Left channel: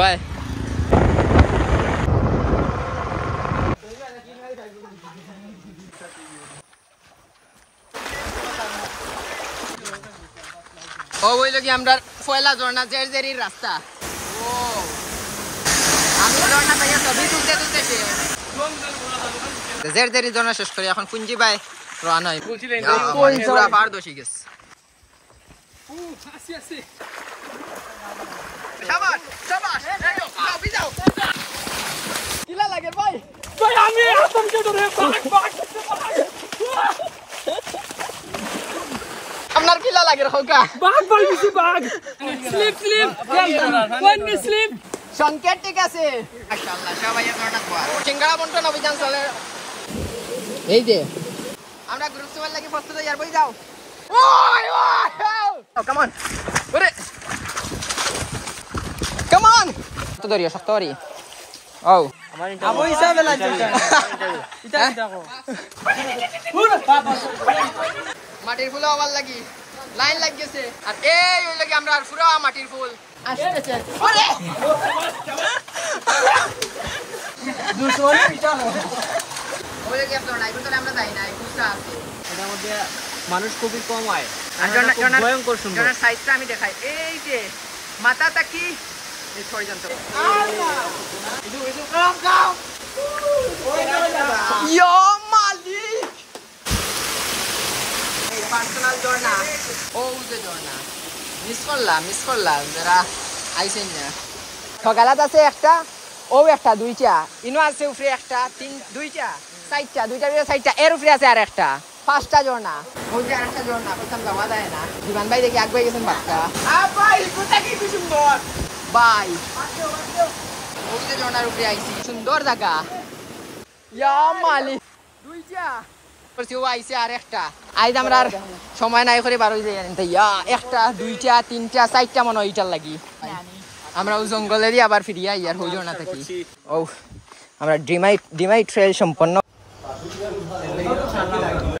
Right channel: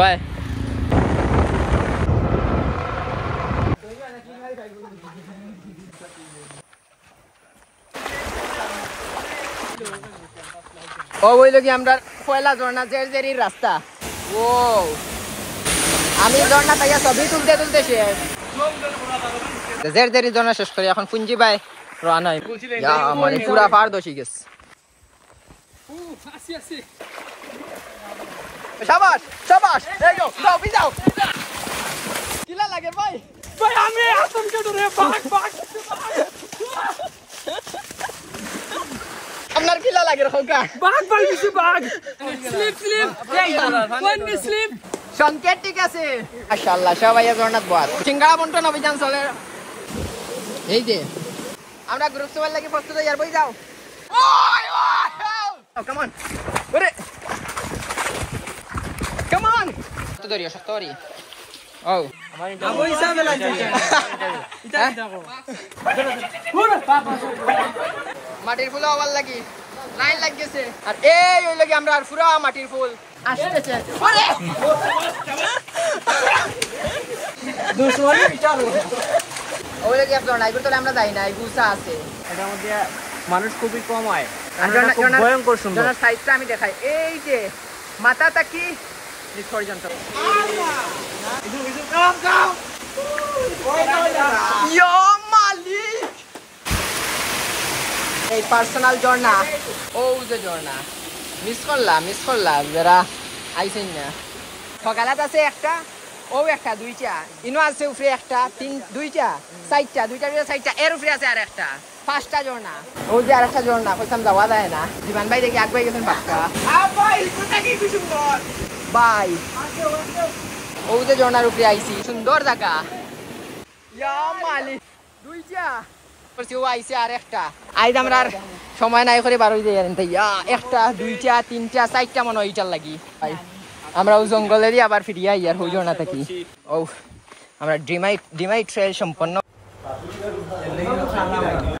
By ও বইল কি আমরা পয়লা ঝর্ণা জেরির রাস্তা। ও আমি ঝর্ণা তাইয়া ছবি তুলতে তুলতে শেষ জেরি ঝর্ণা শেষ করে এখন পুঞ্জি ভাই রানা মানে পুরা পারদর্শী গেছে। শাবাশ শাবাশ যাও যাও কিলা লাগে ভাই ভাই আমি আসম কে ধরে বাগ বাগ আমার কিলা লাগে খোকা বাগ ভাই কিছু বাগ স্লিপ স্লিপ কোন স্লিপ সংকেত ঠিক আছে মাশাআল্লাহ সবাই ঝর্ণাত বাদ সিঙ্গারা বন্টন অভিযান চলে। এই যে আমরা গ্রুপ সবার লাগি প্রস্তুত ইয়ার বই যাও ওই ওই কাম অন ওরে কাম অন তো ধরিও শক্ত করি ও আবু হিসাবে লাগছে এটা দেখো মাটির ফুল আবার লাগি লাইন লাগ গেছে আর এই ওই লাগি আমরা আর পুরো মাটির ফুল আসতেছে ওরে দুশোরে চলো ওই লাগি আপনারা নাই করতে আমরা যাই না এই গুছা আছে এটার মধ্যে মানুষ খুবই কম হয় আর ভয়ঙ্কর সুন্দর জনা সাইজটা আমি দেখাই এই যে মাথাটা কি এই পর্যন্ত আল্লাহ এই কাম কাম ইয়া মালি এই পার্সোনাল ঝর্ণা ও যে ঝর্ণা মিস করলাম যারা আইছেন না সকালাত আছে একটা ও একটা দুইটা ইনো আছে উপরে একটা দুইটা চারটা এর উপরে আছে আর একটা পাঁচটা ঝর্ণা ও যে আর একটা ঝর্ণা কইতাম যাওয়া যায় না জীবন ভাই দেখি আগে গেছেন বাচ্চা ভাই কোথা কি সুন্দর ভাই ও যে ঝর্ণার উপরে আইছি সুন্দর জায়গা ইয়া মালি দুইটা আইছে আর একটা আইজ আমরা আর সময় নাই করে বারোই যাই একটা দুইটা তিনটা চারটা মনে হয় এইটার লাগি আমরা জঙ্গলেরই আবার ফিরিয়া ইয়ার হই ঝর্ণা থাকি ও আমরা ডিমাই ট্রেল সম্পন্ন